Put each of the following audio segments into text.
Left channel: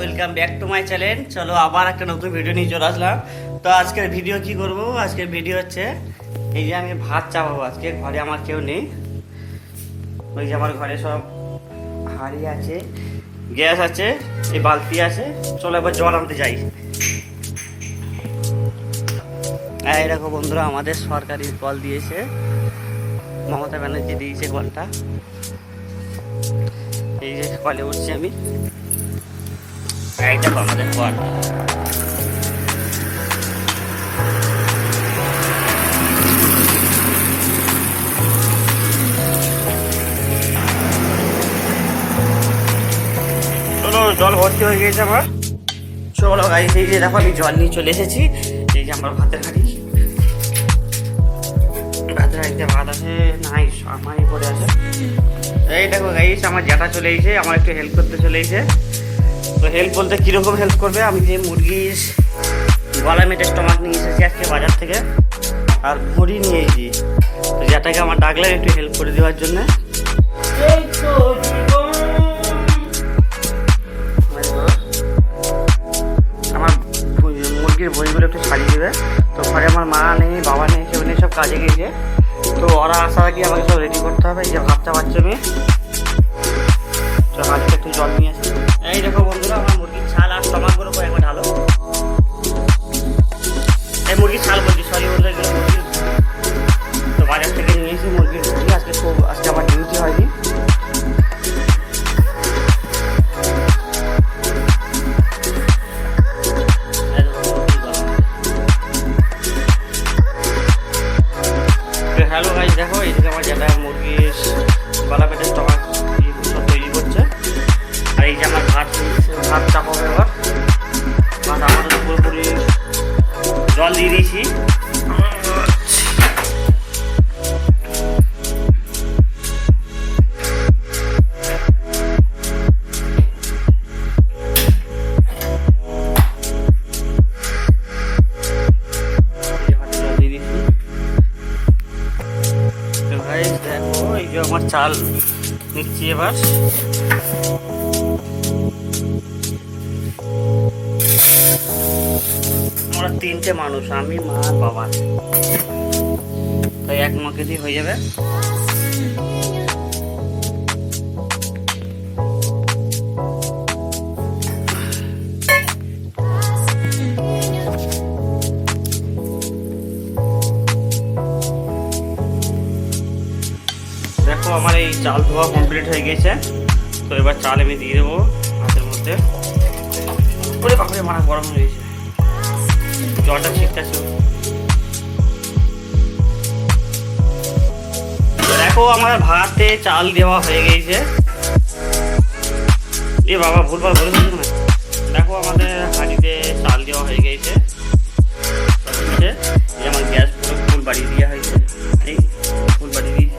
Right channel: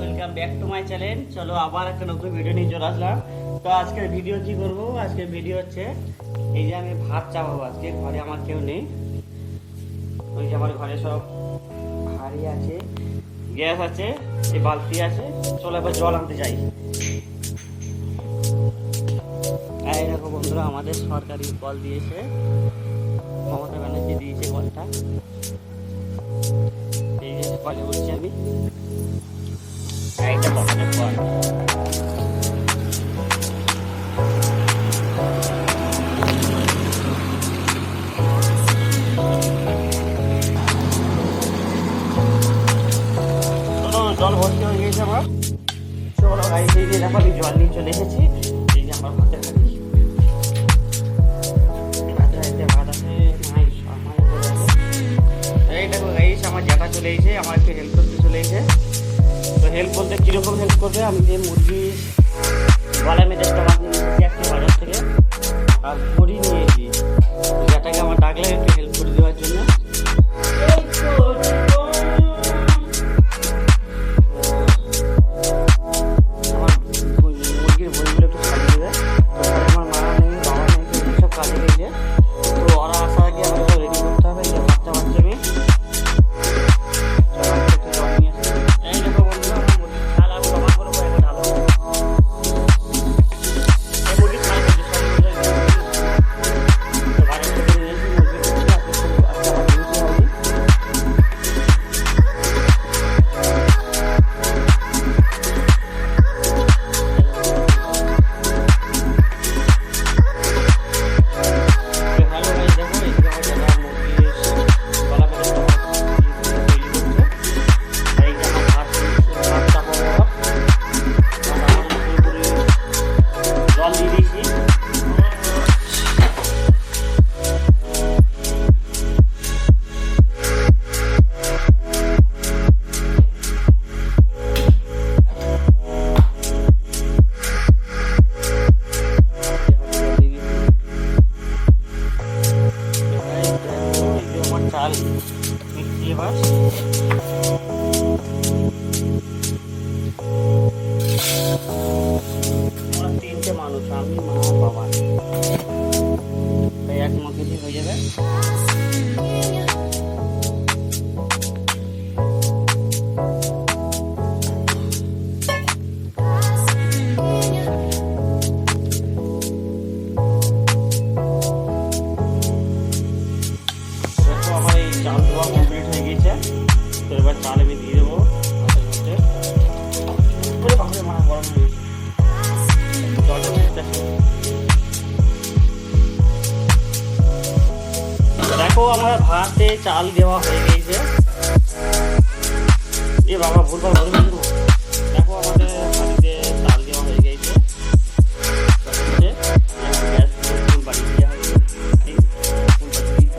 Welcome back to my channel. চলো আবার একটা নতুন ভিডিও নিয়ে চলে আসলাম। তো আজকের ভিডিও কি করব, আজকের ভিডিও হচ্ছে এই যে আমি ভাত চাপাবো। আজকে ঘরে আমার কেউ নেই, ওই যে আমার ঘরে সব হাঁড়ি আছে, গ্যাস আছে, এই বালতি আছে। চলো এবার জল আনতে যাই। এই দেখো বন্ধুরা, আমাদের সরকারি কল দিয়েছে, মমতা ব্যানার্জি দিয়েছে কলটা। এই যে কলে বসছি আমি, এইটা আমাদের কল। জল ভর্তি হয়ে গিয়েছে আমার। চলো গাড়ি দিয়ে দেখো আমি জল নিয়ে চলে এসেছি। এই যে আমার ভাতের গাড়ি, ভাতের গাড়িতে ভাত আছে, নাই আমার এই দেখো গাইস, আমার জ্যাঠা চলে এসেছে, আমার একটু হেল্প করতে চলে এসেছে। তো হেল্প বলতে কিরকম হেল্প করবে, আমি যে মুরগির গলা মেটে স্টমাক নিয়ে এসেছি আজকে বাজার থেকে, আর ভরি নিয়েছি। তো জ্যাঠাকে আমার ডাকলে একটু হেল্প করে দেওয়ার জন্য। চাল দিচ্ছি এবার। আমরা তিনটে মানুষ, আমি মা বাবা, তাই এক মাকেতেই হয়ে যাবে। চাল ধোয়া কমপ্লিট হয়ে গেছে। তো এবার চাল আমি দিয়ে দেবো ভাতের মধ্যে। ওরে বাপরে, মারা গরম হয়ে গেছে, জলটা ঠিক আছে। দেখো আমার ভাতে চাল দেওয়া হয়ে গেছে। এ বাবা ভুলভাল বলেছি। দেখো আমাদের হাঁড়িতে চাল দেওয়া হয়ে গেছে। যেমন গ্যাস ফুল বাড়ি দেওয়া হয়েছে, ফুল বাড়ি দিয়ে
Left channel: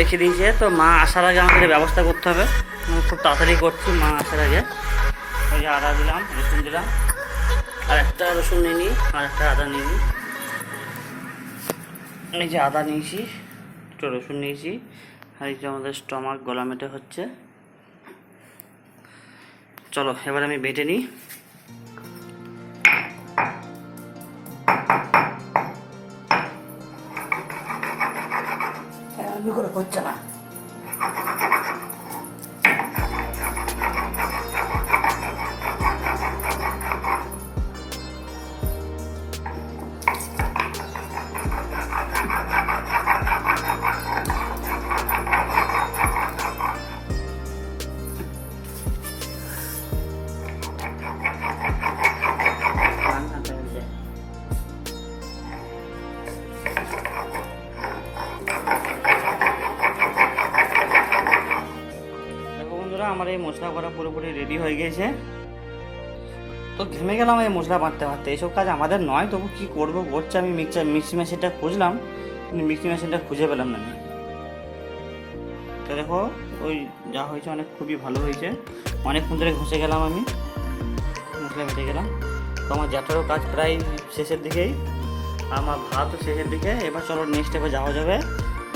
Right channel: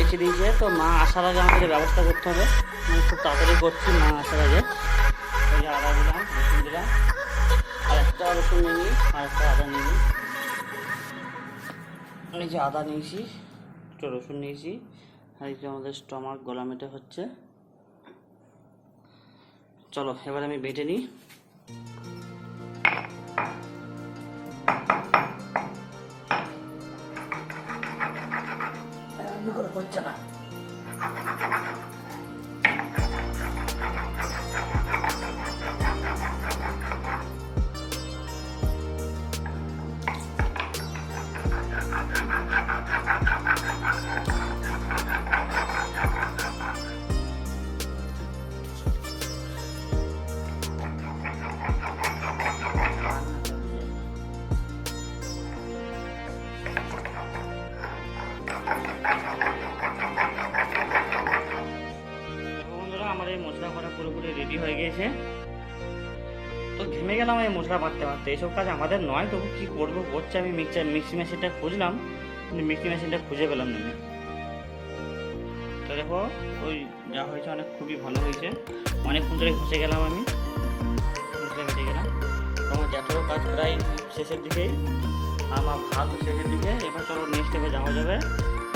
রেখে দিয়েছে। তো মা আসার আগে আমাকে ব্যবস্থা করতে হবে, খুব তাড়াতাড়ি করছে মা আসার আগে। এই আদা দিলাম, রসুন দিলাম, আর একটা রসুন নিয়ে নিই, আর একটা আদা নিয়ে নিই। এই যে আদা নিয়েছি, একটু রসুন নিয়েছি, আর এই যে আমাদের স্টমাক গলা মেটে হচ্ছে। চলো এবার আমি বেটে নিই। হচ্ছে না। পুরোপুরি রেডি হয়ে গিয়েছে। তো থেমে গেলাম এই মশলা বাঁধতে বাঁধতে। এইসব কাজ আমাদের নয়, তবু কি করবো বলছে। আমি মিক্সি মেশিনটা খুঁজলাম, মিক্সি মেশিনটা খুঁজে পেলাম না। তো দেখো ওই যা হয়েছে অনেক খুবই ভালো হয়েছে। অনেকক্ষণ ধরে ঘষে গেলাম, আমি মশলা ঘষে গেলাম। তো আমার জ্যাঠারও কাজ প্রায় শেষের দিকেই, আমার ভাতও শেষের দিকে। এবার চলো নেক্সট স্টেপে যাওয়া যাবে।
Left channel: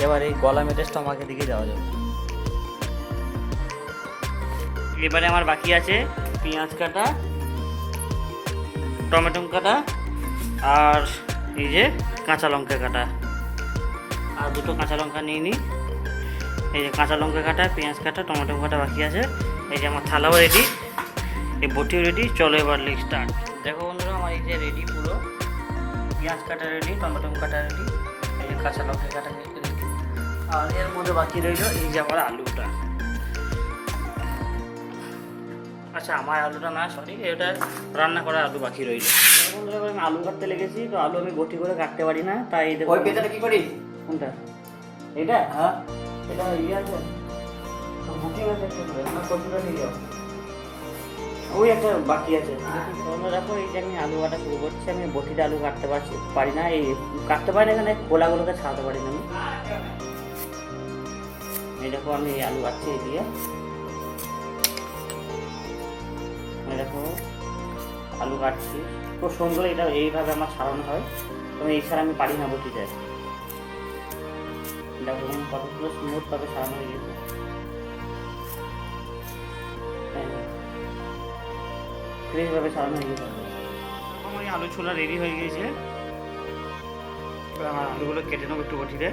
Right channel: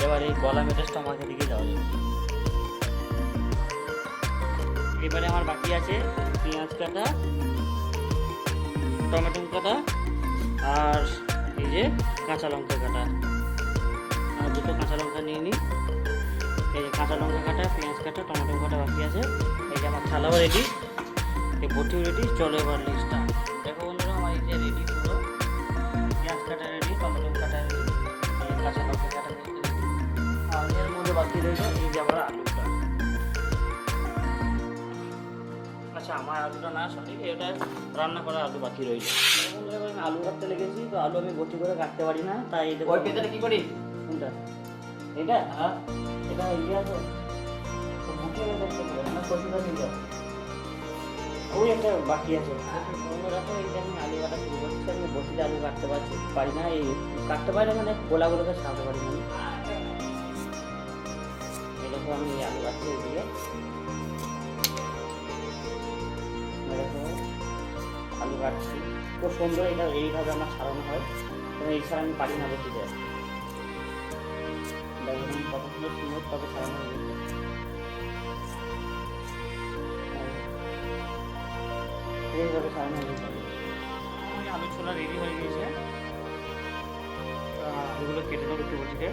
এবার এই গলা মেটে স্টমাকের দিকে যাওয়া যাবে। এবারে আমার বাকি আছে পেঁয়াজ কাটা, টমেটো কাটা, আর এই যে কাঁচা লঙ্কা কাটা। আর দুটো কাঁচা লঙ্কা নিয়ে নিই। এই যে কাঁচা লঙ্কা কাটা, পেঁয়াজ কাটা, টমেটো কাটা বাকি আছে। এই যে আমার থালাও রেডি, এই বটিও রেডি। চলো এবার লিস্ট স্টার্ট। দেখো বন্ধুরা, আমার এই যে রেডি পুরো। পেঁয়াজ কাটা রেডি, টমেটো কাটা রেডি, এই যে কাঁচা লঙ্কা কাটা রেডি। আর এর মধ্যে বাকি রইল এই যে আবার আলুটা। আচ্ছা, আমার আলুটা না, সরি, এটা রান্না করা আলু বাকি রয়েছে। আমি আলু কাটতে লেগেছি, তো আলু আমি গটি করে কাটতে পারি না, তাই ওই পেছনে কি করিস? কোনটা? এটা? হ্যাঁ, এটা ওই একটা বাকি আছে। দেখো এই যে আমি আলু কাটা শুরু করছি, আমি বটিতে আলু কাটতে পারি না, এই কাটতে পারি না, এখানে গোলাগুলোকে ছাড়াতে পারি না। এই দেখো আমি এই আলু কাটছি দিয়ে। আলু কাটছি খুব সুন্দর। এটা এইভাবে আমার সারানো হয়, মানে এই ছাড়া আমি পারি না বটিতে। সুন্দরভাবে সারানো হয়। এইভাবে সারানো হয়েছে। আলু ছোলা রেডি হয়ে গিয়েছে। আলুগুলো কেটে দেবো একটু বটিতে।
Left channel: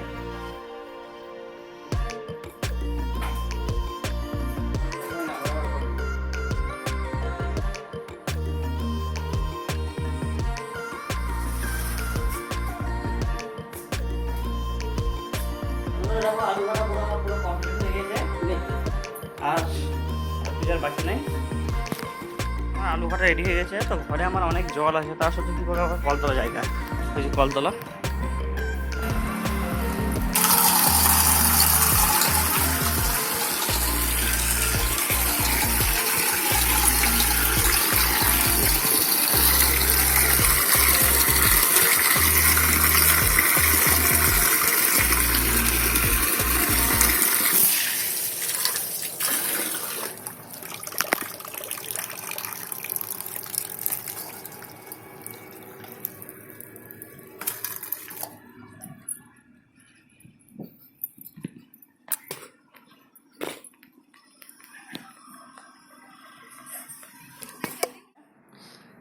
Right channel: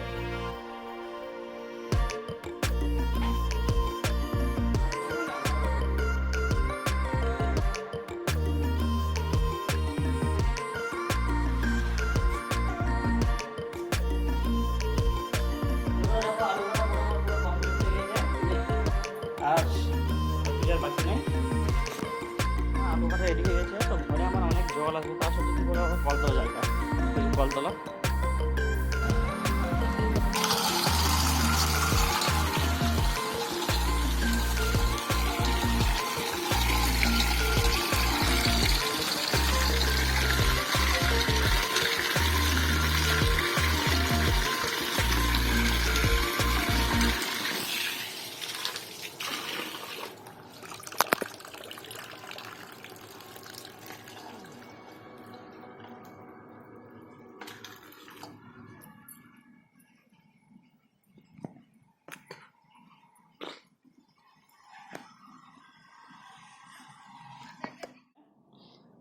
রেডি হয়ে গেছে। তো ঘরে আমার অনেক জল আছে, তার সত্যি কি করে কল তোলা যায় না, কল তোলা।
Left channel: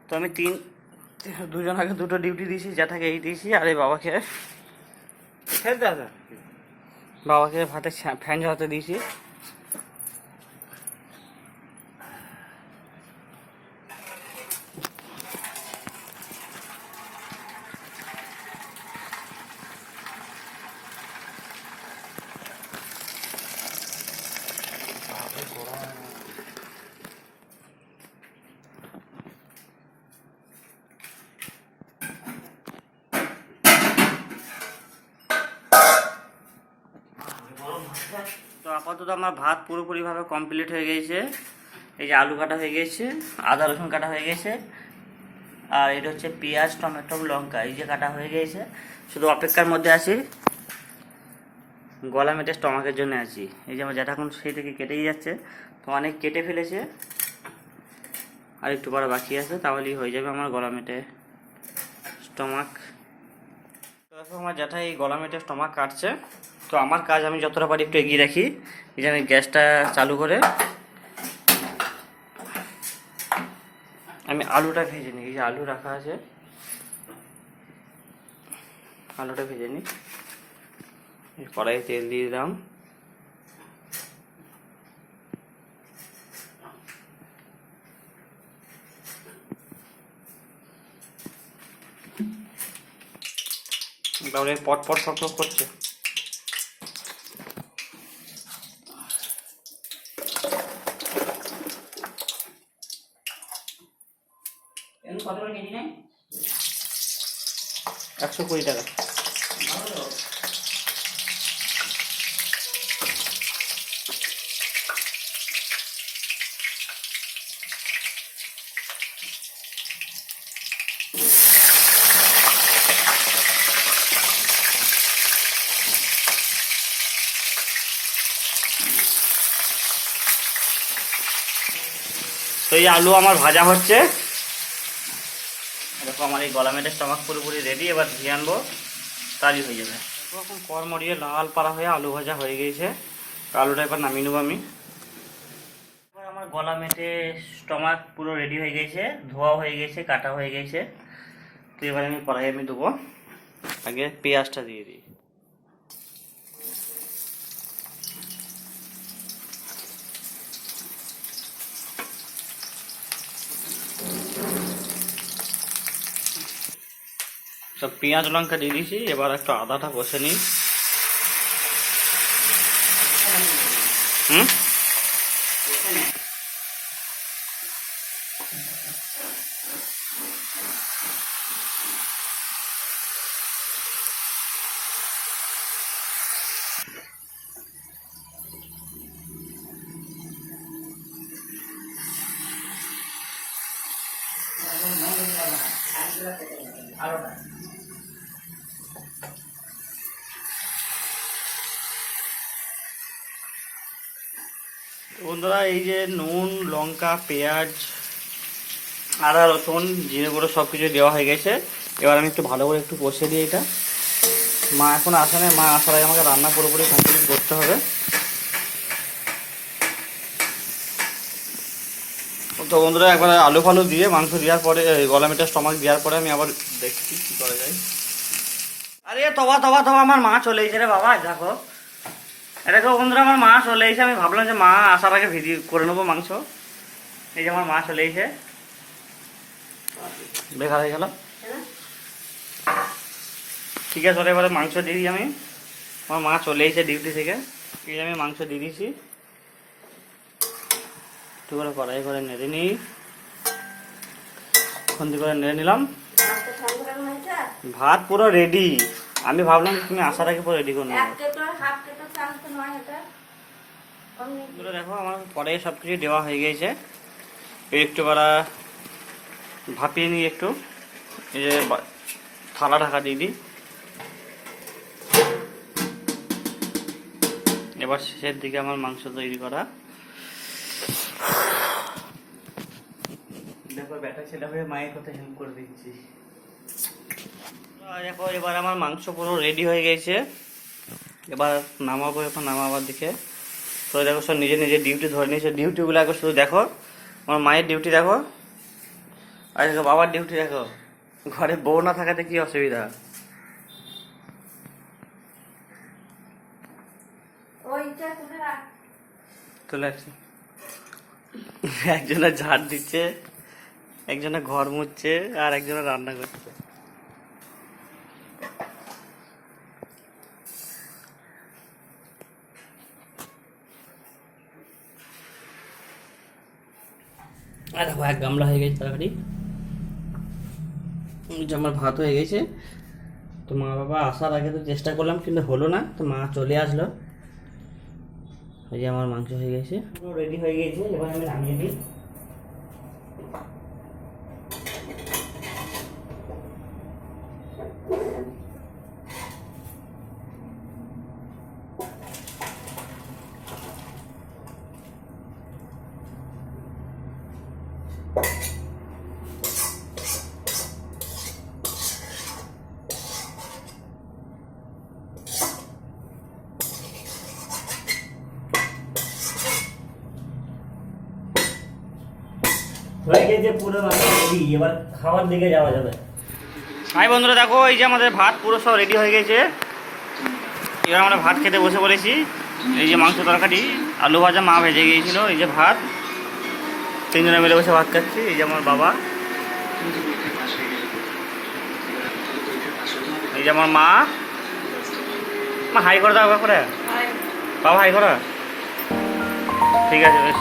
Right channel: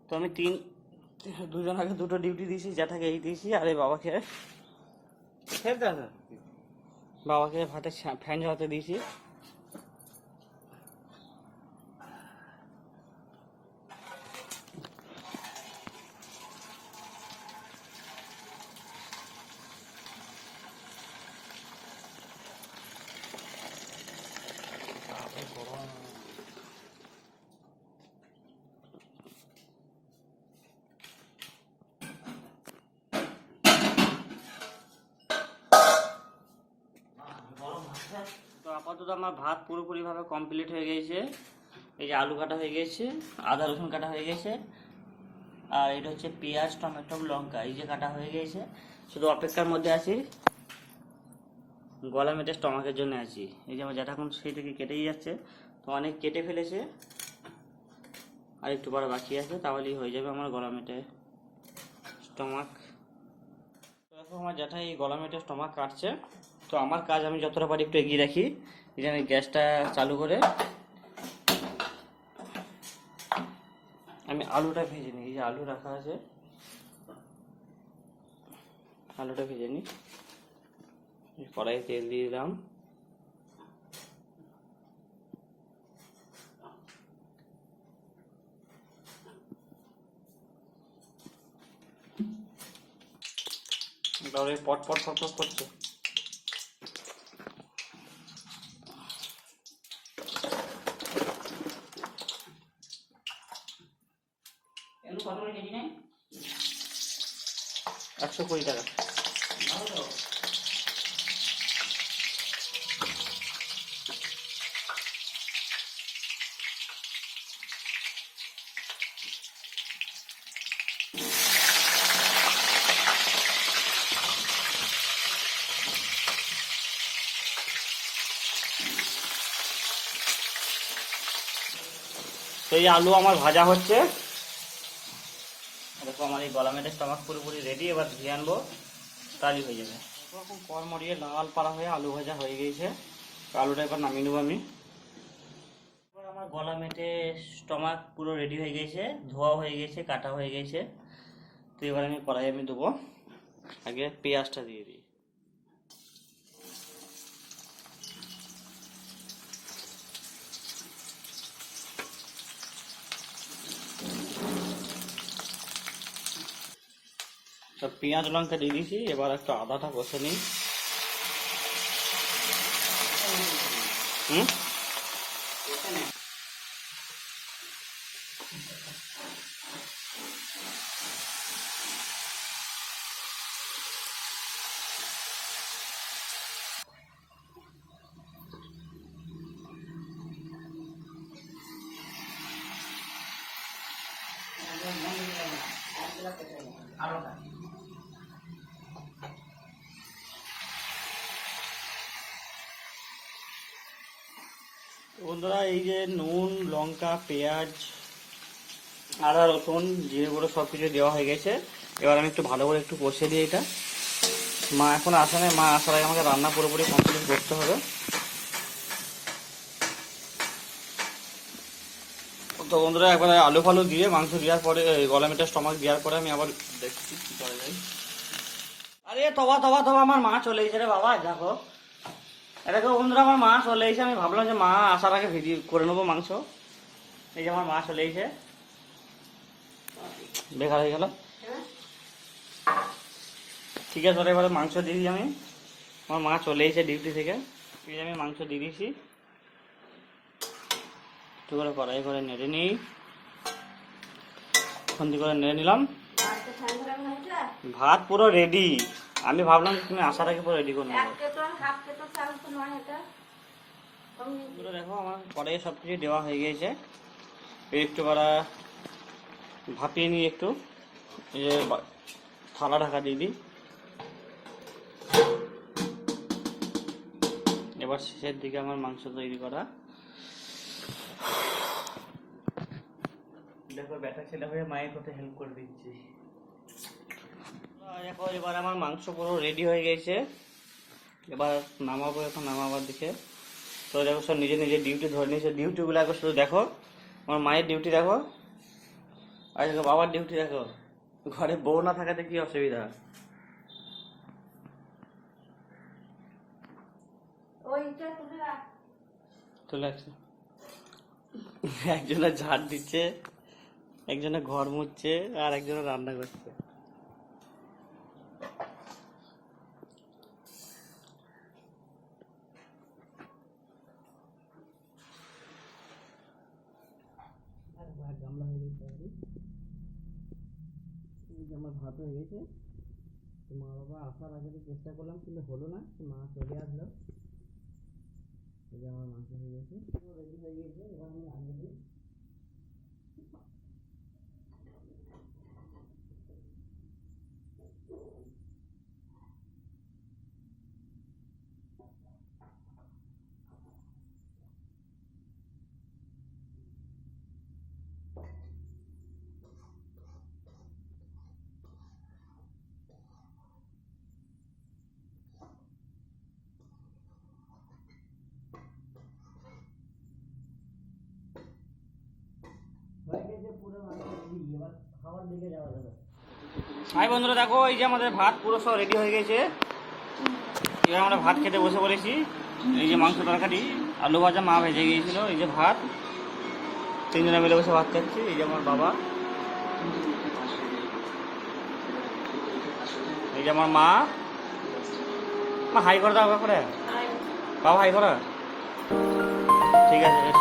তো আমি দুজনকে দুটো ডিউটি দিয়েছি, জ্যাঠাকে এই দিয়েছি, আর এই বাবাকে ভাতে ফ্যান জ্বালাতে দিয়েছি। তো আপাতত আমার ভাত পুরোপুরিভাবে কমপ্লিট হয়ে গিয়েছে। এই যে আলু কাটা হয়ে গিয়েছে, আদা রসুন কাটা হয়ে গেছে, আর এটা হচ্ছে পেঁয়াজ, টমেটো, লঙ্কা এই যে কাটা হয়ে গিয়েছে। শুধু অপেক্ষার মধ্যে আছি, গলা মেটে স্টমাকের জন্য আছি। এই যে আমার জ্যাঠা এখন সেই থেকে কেটেই যাচ্ছে, তো অনেক কেটে ফেলেছে, আর একটু পরে বাকি আছে, তাহলেই হয়ে যাবে আমার গলা মেটে স্টমাক। তো দেখো আমার জ্যাঠা এই গলা মেটে স্টমাক কাটছে। তো আমার কাজ আমি যতটা পারি একটু এগিয়ে রাখি। এই যে আমি গ্যাসটা চালু করে আমি আলুটা ভেজে নিই। এই যে আলু রাখা আছে, আলুটা ভেজে নিই। কড়াইয়ে তেল দিয়ে দিলাম, তাহলে পট পট সব করছে। কত করে কেজি নেয়? 120 টাকা। তো এই আলু আমার ভাজা হচ্ছে। দেখো আমার এই গলা মেটের স্টমাক পুরোপুরি রেডি, এবার ঘি আনবো, তারই হয়ে যাবে। এখন কর মরিয়ে লাল পাড়া হয়ে আলু ভাজা হয়ে গেছে, আলুটা এবার নামিয়ে নেবো আমি। আমার গলা মেটে স্টমাক পুরো রেডি হয়ে গেছে, ধোয়া হয়ে গেছে, কাটা হয়ে গেছে। তো এবার আমি কড়াই দেবো, আগে পেঁয়াজটা দিয়ে দিই। সব পেঁয়াজ লঙ্কা দিয়ে দিয়েছি, এবার একটু আদাটা কষে নিই। বন্ধুরা এই যে নুন, লঙ্কা, পেঁয়াজ, আদা, রসুন, জিরে গুঁড়ো সব কিছু দেওয়া হয়ে গেছে। এবার আমি একটু ভালো করে একটু কষে দিই এটা। মা এখন আসে না, মা আসার আগে আমাকে রান্না পুরোপুরি করতে হবে। তো বন্ধুরা একবার আলু ফালু দিয়ে মাংস দেওয়ার পরে, গলা মেটার স্টমাক দেওয়ার পরে আমি আবার দেখছি কি করা যায়। আরে তবা তবা তবা আমার মা চলে এসেছে রে বাবা। দেখো দেখো বন্ধুরা আমার মা চলে এসে, আমি ভাবলাম যে মা আসার আগে ভিডিও করে নেবো মাংস। এই যে আমার মা চলে এসে, বেকার হয়ে গেল। ঠিক আছে, ওরা এবারে মাংস দিয়ে দিই আমি। আমার মা চলে এসে ডিউটি থেকে, এই আমি মাংস দিয়ে দিয়েছি। একটু কড়াই করে নেড়ে নিই, খন্দি করে নেড়ে নিলাম। ভাত পুরো রেডি। আমি ভাবলাম তুমি আসার আগে পুরো রেডি করে নেবে। দেখো আমার পরে সবকিছু দেওয়া হয়ে গেছে, একটু করা ভাপিয়ে নিই একটু। এই যে থালা ঢাকা দিয়ে দিই। এবার শেষের দিকে আমার মাংস তৈরি করা। দেখো ব্যাটা ছেলে হয়ে মায়ের কথা হেল্প করে দিচ্ছি। দেখো এবার আমার মাংস পুরো রেডি হয়ে গেছে, এবার নামাবো। এখন নামাবার দিকে তো দেখো সব নিজে নিজে ডিউটি ধরে নিয়েছে। ডিউটিগুলো একবার শুধু দেখো, আমার মায়ের ডিউটি দেখো, আর দেখো বাবার ডিউটি দেখো। ঘরে বউ না থাকাতে কি অসুবিধা। চলে আসছে, একজনের ঝাড় দিচ্ছে, একজনের ঘর মুছছে, আর একজনের রান্না করছে। দেখো এক গামলা হয়ে গেছে তরকারি, আমার ভাত হয়ে গেছে। তো মা বাবা আসার আগে তো চেষ্টা করলাম কিন্তু হলো না, তো মা চলে আসলো। এই যে আমার মাংস হয়ে গেছে, পুরো রেডি হয়ে গেছে। এবার আমি নামিয়ে দিই। হয়ে গেছে পুরো মাংস রেডি, এবার খাওয়ার দিকে যাওয়া যাবে। হাই বন্ধুরা, দেখো এই যে আমাদের ভাত পুরো সব রেডি হয়ে গেছে। এবার আমরা ভাত খেতে বসে পড়েছি। এই যে মাংস তরকারি, আলু ভাজা মা ভেজে গিয়েছিল, এই যে ভাত, তিনজনে মিলে বসে ভাত খাচ্ছি। এই যে আমার বাবা, এই যে আমার মা, মা হাই করে দাও করে, বাবা হাই করো। ঠিক আছে বেশ।